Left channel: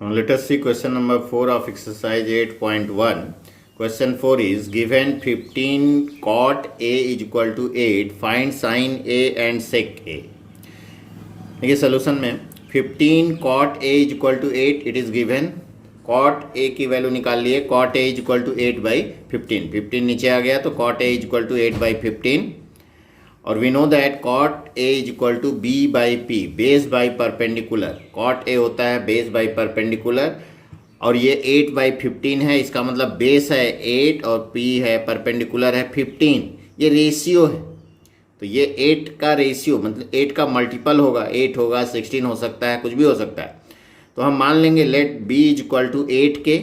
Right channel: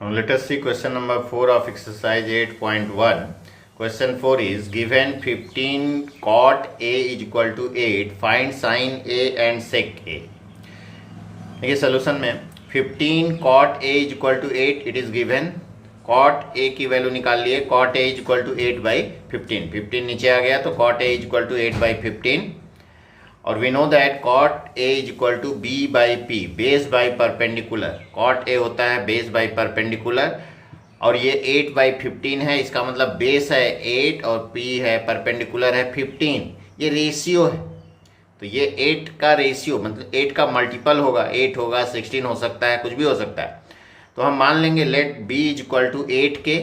Now let us see question number 4 of exercise 8.1. Question 4 is given 15 cot A is equal to 8. Find sin A and sec A. देखिए solution में 15 cot A is equal to 8 it is given. cot A की value निकाल लिए. cot A is equal to 8 by 15. 15 नीचे आ गया तो cot A is equal to 8 by 15. और we know that cot A is equal to B by P, base by perpendicular. cot A होता है base by perpendicular और ये 8 by 15 है. इसका मतलब बेस है 8 और P है परपेंडिकुलर है 15. ये रेशियो है तो ये 8 का रेशियो मतलब 8 का मल्टीपल होगा. 8 होगा, 16 हो सकता है, कुछ भी हो सकता है. तो हम मान लेंगे let B is equal to 8 k.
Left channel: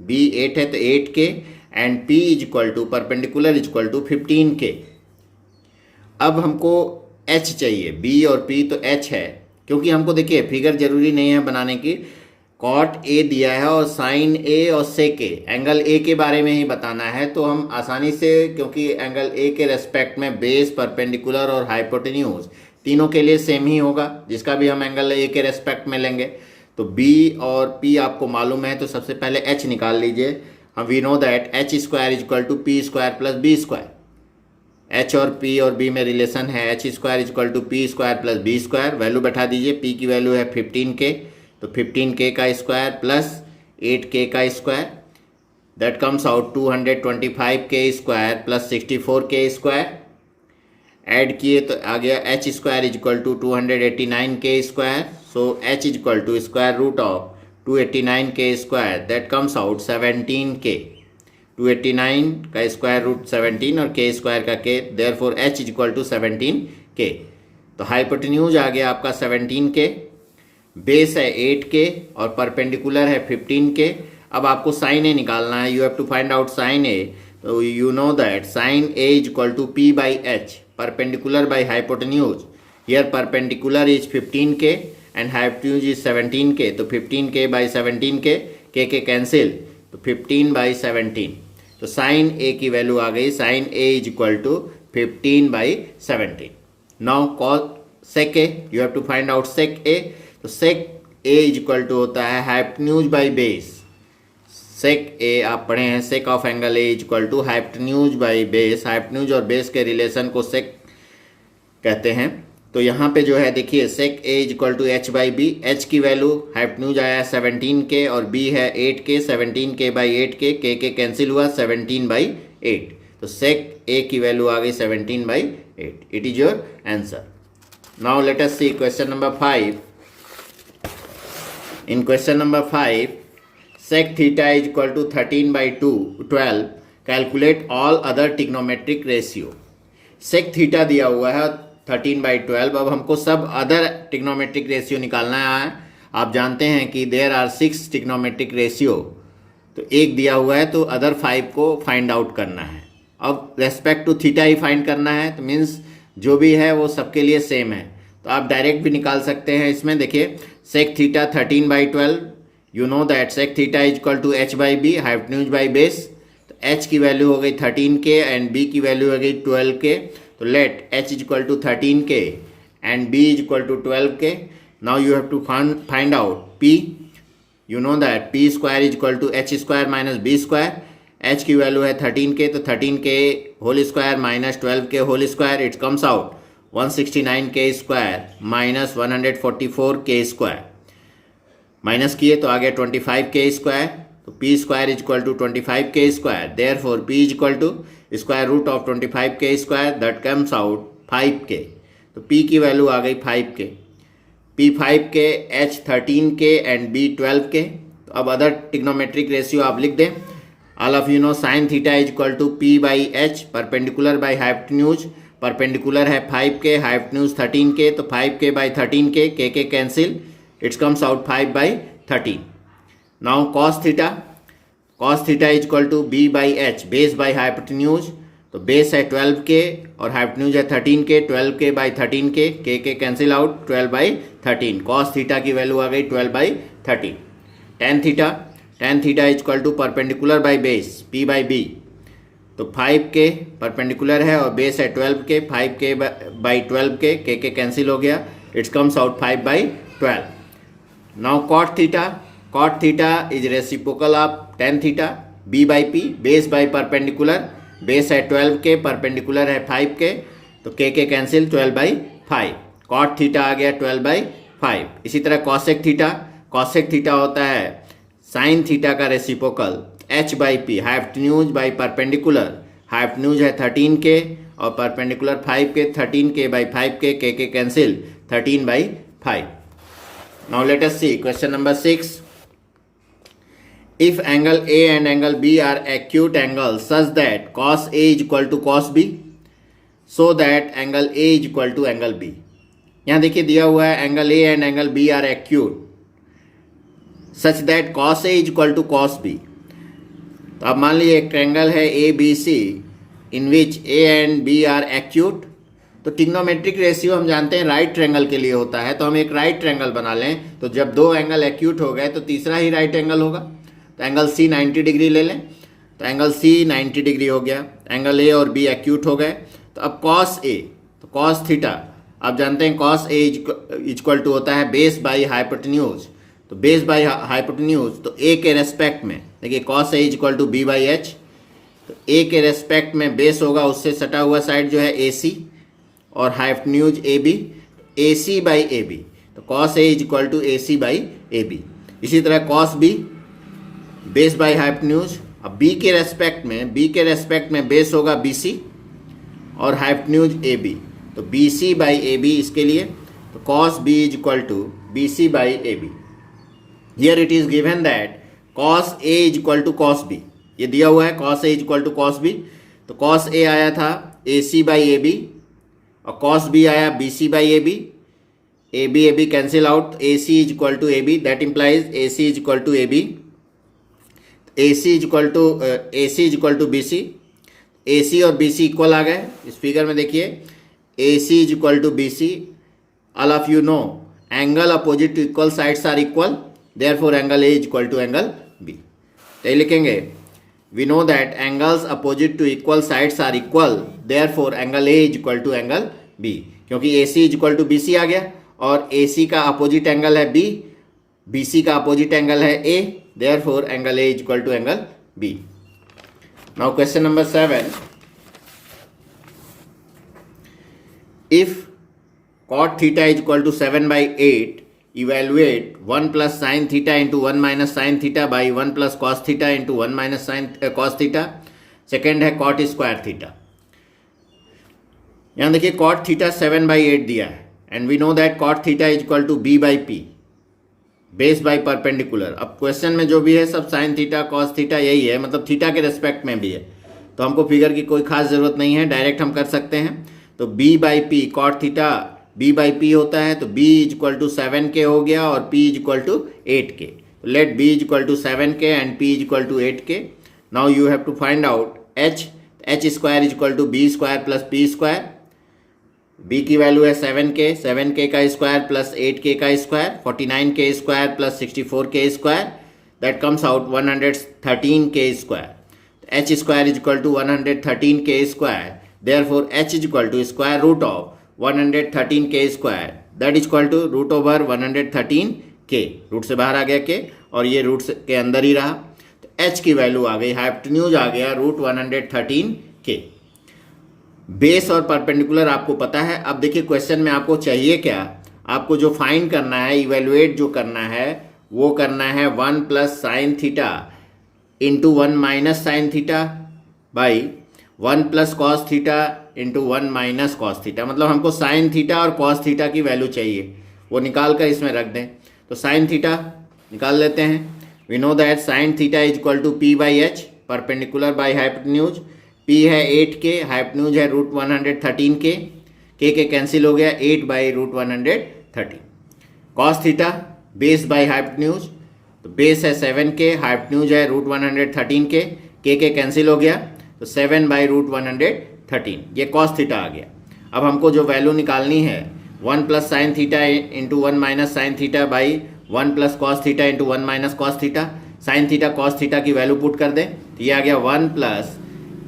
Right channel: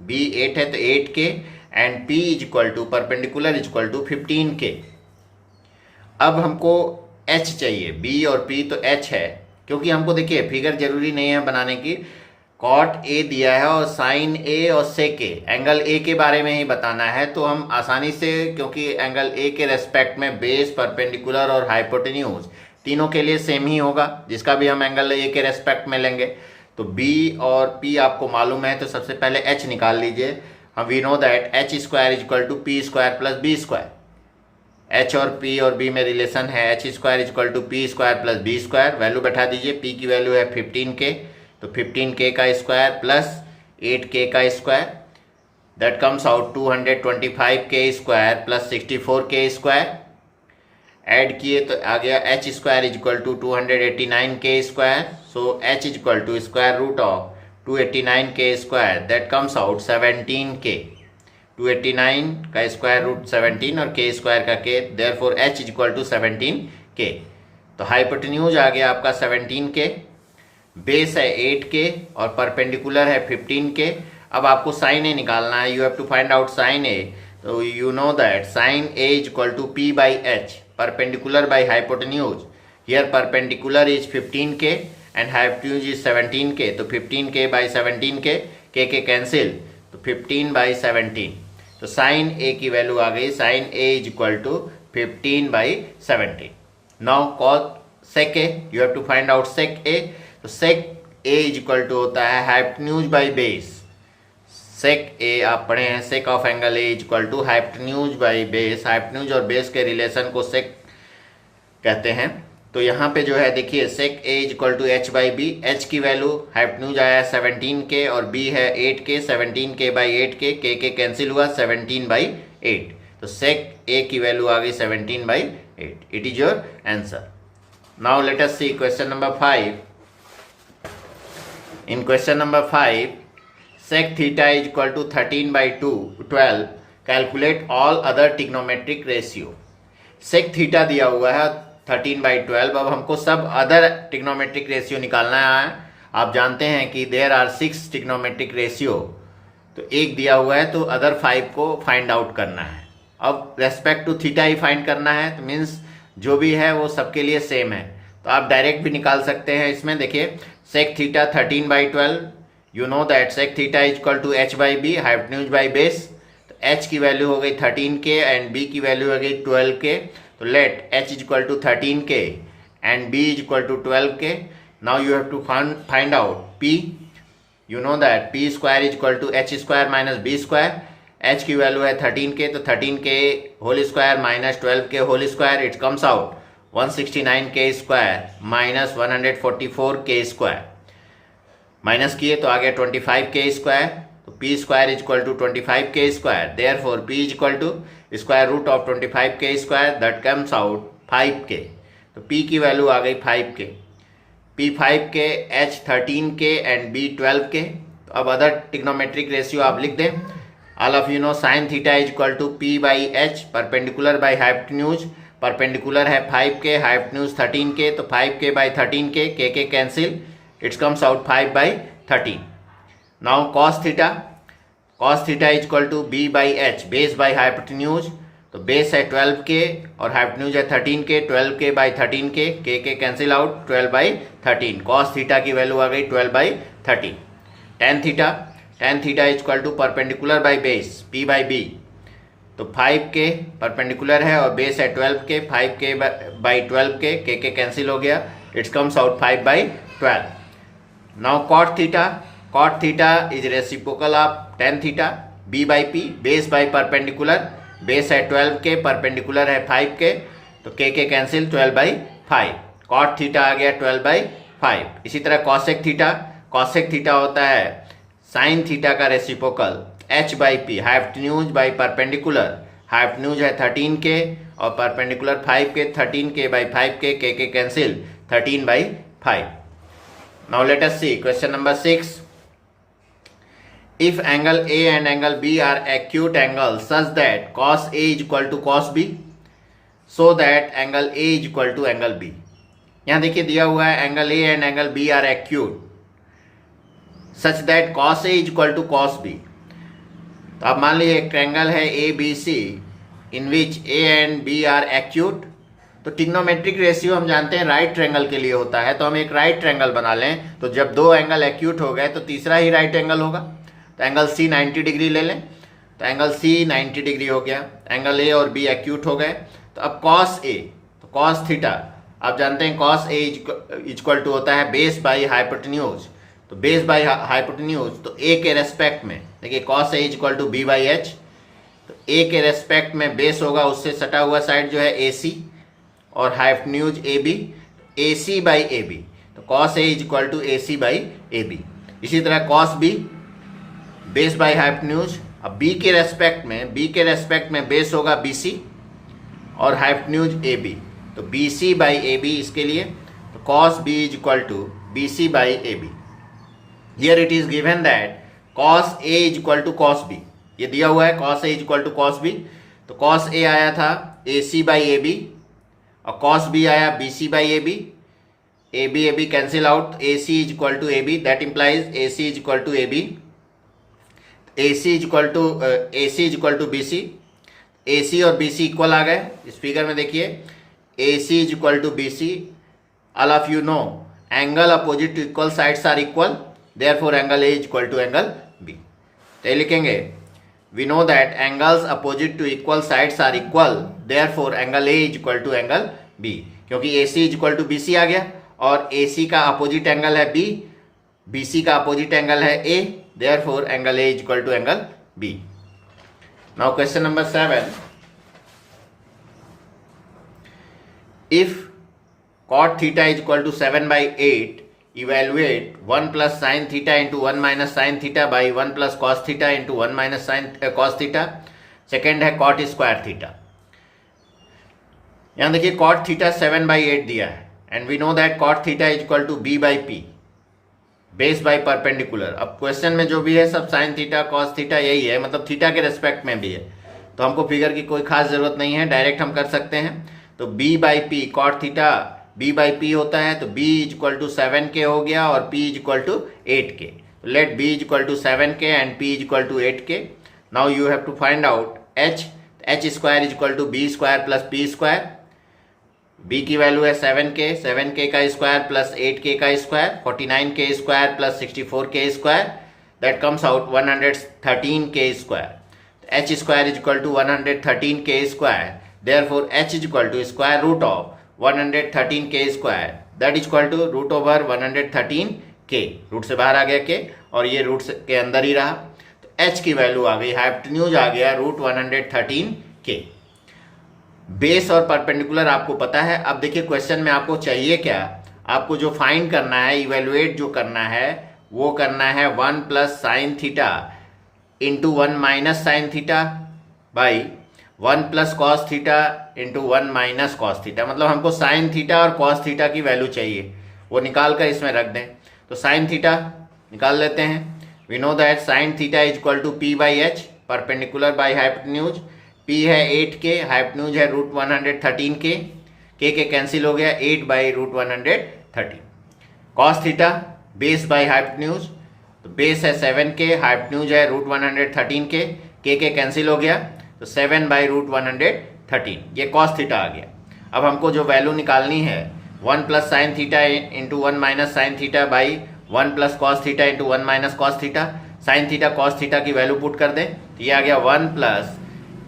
B 8 है तो 8 k and P is equal to perpendicular is equal to 15 k. अब हमको h चाहिए. b और p तो h है क्योंकि हमको देखिए फिगर जरूरी नहीं है बनाने की. cot a दिया है और sin a और sec a, एंगल a के बारे में ही बताना है. तो हम आसानी से क्योंकि एंगल a के रेस्पेक्ट में बेस, परपेंडिकुलर और हाइपोटेन्यूज तीनों के लिए सेम ही होगा जिसका भी हम एंगल a के रेस्पेक्ट में लेंगे. तो b और p आपको मालूम है तो सबसे पहले h निकाल लीजिए. हम we know that h square is equal to p square plus b square. h और p और b में रिलेशन है. h square is equal to p square plus b square. Value बैठा दीजिए. p की वैल्यू है 15k तो 15k का स्क्वायर प्लस 8k का square that comes out 225k square plus 64k square. Add किए तो आ गया h square is equal to 289k square. So h is equal to square root of 289k square that comes out 17k. 289 का square root 17 और k square का k, therefore h is equal to 17k. तो hypotenuse आ गया आपका 17k, base है 8k और perpendicular है 15k. अब आपको साइन a निकालना है. You have to find out sine a. तो you know that sine a is equal to p by h, perpendicular by hypotenuse. Here perpendicular is 15k and hypotenuse is 17k. तो 15k by 17k, k cancel तो 15 by 17. तो sine a की value आ गई. Sine a is equal to 15 by 17. Now cos sec a, you have to find out sec a. तो sec a is equal to होता है hypotenuse by base. Sec a आप पढ़े हैं sec of angle a is equal to hypotenuse by base. Hypotenuse और base के relation को sec कहते हैं. तो यहाँ पे जो है देखिए sec a is equal to h by B. h की वैल्यू हाइपोटेन्यूज आया 17k और b है 8k. 17k by 8k, k cancel हुआ 17 बाई 8. तो सेक a की वैल्यू आ गई 17 by 8. It is your answer. Now let us see question number 5. In question number 5 sec theta is equal to 13 by 12. Calculate all other trigonometric ratio. Sec theta दिया हुआ है 13 by 12. अब हमको सब other trigonometric ratio निकालना है. आप जानते हैं कि देयर आर 6 ट्रिग्नोमेट्रिक रेशियो. तो एक दिया हुआ है तो अदर 5 को फाइंड आउट करना है. अब रेस्पेक्ट टू थीटा ही फाइंड करना है तो मीन्स जो भी है वो सबके लिए सेम है. तो आप डायरेक्ट भी निकाल सकते हैं. इसमें देखिए sec theta 13 by 12. You know that sec theta is equal to h by B, hypotenuse by base. तो h की वैल्यू हो गई 13k एंड b की वैल्यू हो गई 12k. तो let h is equal to 13k and b is equal to 12k. Now you have to find out p. You know that p square is equal to h square minus b square. h की value है 13k तो 13k whole square minus 12k whole square. It comes out 169k square minus 144k square. Minus किए तो आ गया 25k square. तो p square is equal to 25k square. Therefore p is equal to square root of 25k square that comes out 5k. तो p की value आ गई 5k. p 5k, h 13k and b 12k. तो अब other trigonometric ratio आप लिख दें. All of you know sine theta is equal to p by h, perpendicular by hypotenuse. Perpendicular है 5k, हाइपोटेन्यूज 13k तो 5k by 13k, k cancel. It's comes out 5 by 13. Now cos theta. Cos theta is equal to b by h, base by hypotenuse. तो base है 12k और hypotenuse है 13k. 12k by 13k, k cancel out 12 by 13. Cos theta की value आ गई 12 by 13. Tan theta. Tan theta is equal to perpendicular by base p by b. तो 5k perpendicular है और बेस है 12k. 5k by 12k, k cancel हो गया. It's comes out 5 by 12. Now cot theta. Cot theta is reciprocal of tan theta, B by P, base by perpendicular, base है 12 k, perpendicular है 5 k, तो k cancel 12 by 5, cot theta आ गया 12 by 5। इसी तरह cosec theta होता है sine theta का reciprocal H by P, hypotenuse by perpendicular, hypotenuse है 13 के और परपेंडिकुलर 5 के, 13 के by 5 k cancel 13 by 5। Now let us see question number 6। If angle A and angle B are acute angles such that cos A is equal to cos B, so that angle A is equal to angle B। यहाँ देखिए दिया हुआ है angle A and angle B are acute such that cos A is equal to cos B। तो अब मान लीजिए एक एंगल है ABC in which A and B are acute। तो ट्रिग्नोमेट्रिक रेशियो हम जानते हैं राइट ट्रायंगल के लिए होता है, तो हम एक राइट ट्रायंगल बना लें। तो जब दो एंगल एक्यूट हो गए तो तीसरा ही राइट एंगल होगा। तो एंगल C 90 डिग्री ले लें, तो एंगल C 90 डिग्री हो गया, एंगल A और B एक्यूट हो गए। तो अब cos A, तो cos थीटा आप जानते हैं cos A इक्वल टू होता है बेस बाई हाइपोटेन्यूज। तो बेस बाई हाइपोटेन्यूज तो A के रेस्पेक्ट में देखिए cos A equal to B by H। तो A के रेस्पेक्ट में बेस होगा उससे सटा हुआ साइड जो है AC और hypotenuse AB, AC by AB। तो cos A equal to AC by AB। इसी तरह cos B base by hypotenuse. अब B के रेस्पेक्ट में बेस होगा BC और हाइपोटेन्यूज AB। तो BC बाई AB इसके लिए, तो cos B is equal to BC by AB। Here it is given that cos A is equal to cos B। ये दिया हुआ है cos A is equal to cos B। तो cos A आया था AC बाई AB और cos B आया BC by AB। AB cancel out, AC is equal to AB, that implies AC is equal to AB। AC is equal to BC। AC और BC equal आ गए। इस figure में देखिए AC is equal to BC। All of you know angle opposite to equal sides are equal, therefore angle A is equal to angle B। तो ये लिखेंगे we know that angles opposite to equal sides are equal, therefore angle A is equal to angle B। क्योंकि AC is equal to BC आ गया और AC का opposite angle है B, BC का अपोजिट एंगल है A, therefore angle A is equal to angle B। Now question number 7, if cot theta is equal to 7 by 8, evaluate 1 plus sin theta into 1 minus sin theta by 1 plus cos theta into 1 minus cos theta। Second है cot square theta. यहाँ देखिए cot theta 7 by 8 दिया है and we know that cot theta is equal to B by P, base by perpendicular. अब question में जो भी है सब साइन थीटा कॉस थीटा यही है, मतलब थीटा के रेस्पेक्ट में भी है, तो हमको फिगर की कोई खास ज़रूरत नहीं है, डायरेक्ट हम कर सकते हैं। तो B by P, cot theta B by P होता है, तो B is equal to 7K हो गया और P is equal to 8K। Let B is equal to 7K and P is equal to 8K। Now you have to find out H square is equal to B square plus P square. B की value है 7K का square plus 8K का square, 49K square plus 64K square, that comes out 113K square. H square is equal to 113K square, therefore H is equal to square root of 113K square, that is equal to root over 113K। Root से बाहर आ गया K और ये root के अंदर ही रहा, तो H की वैल्यू आ गई, हाइपोटेन्यूज आ गया रूट 113K। बेस और परपेंडिकुलर आपको पता है। अब देखिए क्वेश्चन में आपको चाहिए क्या, आपको जो फाइंड करना है, इवेलुएट जो करना है वो करना है 1 plus sine theta into 1 minus sine theta by 1 plus cos theta into 1 minus cos theta. मतलब हमको साइन थीटा और कॉस थीटा की वैल्यू चाहिए, वो निकाल कर इसमें रख दें। तो साइन थीटा निकाल लेते हैं। We know that sine theta is equal to P by H, perpendicular by hypotenuse. P है 8K, हाइपोटेन्यूज है रूट 113K, के कैंसिल हो गया 8 by root 113। Cos theta base by hypotenuse, तो बेस है 7K, हाइपोटेन्यूज है रूट 113K, के cancel हो गया तो 7 बाई रूट 113, ये कॉस थीटा आ गया। अब हमको जो वैल्यू निकालनी है 1 plus sine theta into 1 minus sine theta by 1 plus cos theta into 1 minus cos theta. Sine theta cos theta की वैल्यू पुट कर दें, तो ये आ गया 1 plus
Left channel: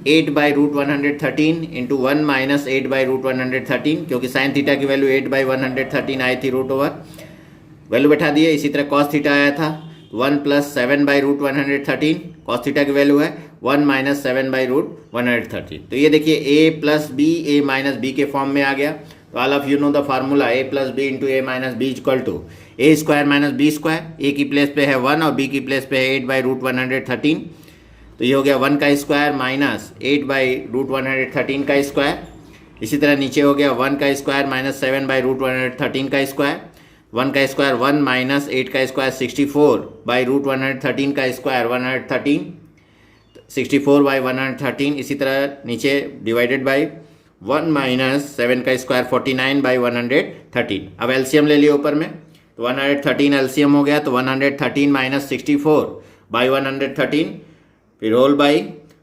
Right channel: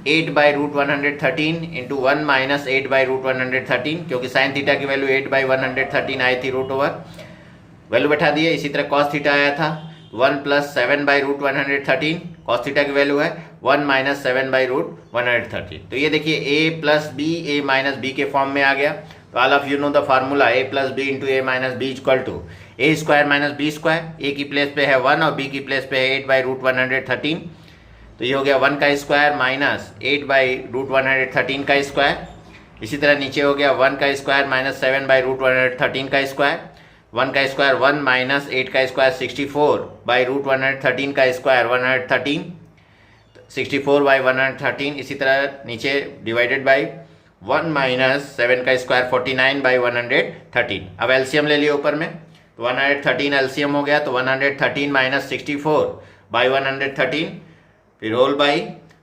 8 by root 113 into 1 minus 8 by root 113, क्योंकि साइन थीटा की वैल्यू 8 बाई 113 आई थी, रूट ओवर वैल्यू बैठा दिए। इसी तरह कॉस थीटा आया था 1 plus 7 by root 113 cos theta की वैल्यू है, 1 माइनस 7 बाई रूट 113। तो ये देखिए A plus B A minus B के फॉर्म में आ गया। तो all of you know the formula A plus B into A minus B equal to A square minus B square. A की place पे है 1 और बी की प्लेस पे है 8 बाई रूट 113। तो ये हो गया 1 का स्क्वायर माइनस 8 बाई रूट 113 का स्क्वायर। इसी तरह नीचे हो गया 1 का स्क्वायर माइनस 7 बाई रूट 113 का स्क्वायर। 1 का स्क्वायर 1 माइनस 8 का स्क्वायर 64 बाई रूट 113 का स्क्वायर 113, 64 बाई 113। इसी तरह नीचे डिवाइडेड बाई 1 माइनस 7 का स्क्वायर 49 बाई 113। अब एलसीएम ले लिए ऊपर में, तो 113 एलसीएम हो गया, तो 113 माइनस 64 बाई 113, फिर होल बाई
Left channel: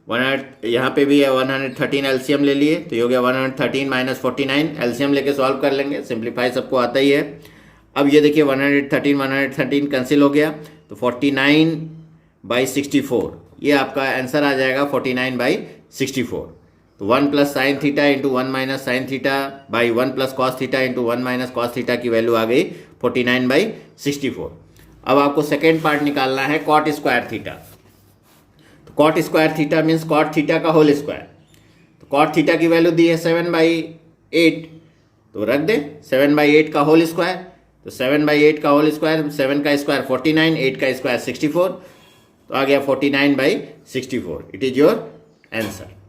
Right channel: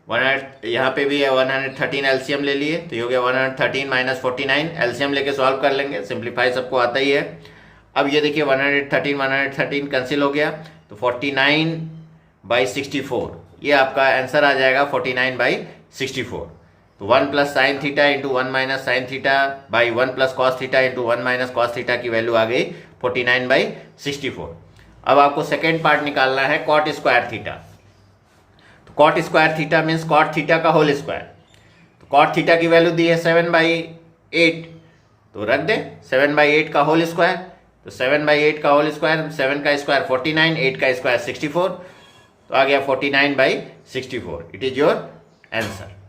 100, यहाँ पे भी है 113 एलसीएम ले लिए, तो ये हो गया 113 माइनस 49। एलसीएम लेके सॉल्व कर लेंगे, सिंप्लीफाई सबको आता ही है। अब ये देखिए 113 कैंसिल हो गया, तो 49 बाई 64, ये आपका आंसर आ जाएगा 49 बाई 64। तो 1 plus sine theta into 1 minus sine theta by 1 plus cos theta into 1 minus cos theta की वैल्यू आ गई 49 बाई 64। अब आपको सेकेंड पार्ट निकालना है कॉट स्क्वायर थीटा। तो cot square theta means cot theta का होल स्क्वायर। तो कॉट थीटा की वैल्यू दी है 7/8, तो रख दे 7/8 का होल स्क्वायर। तो 7/8 का होल स्क्वायर, 7 का स्क्वायर 49, 8 का स्क्वायर 64, तो आ गया 49 by 64। It is your answer.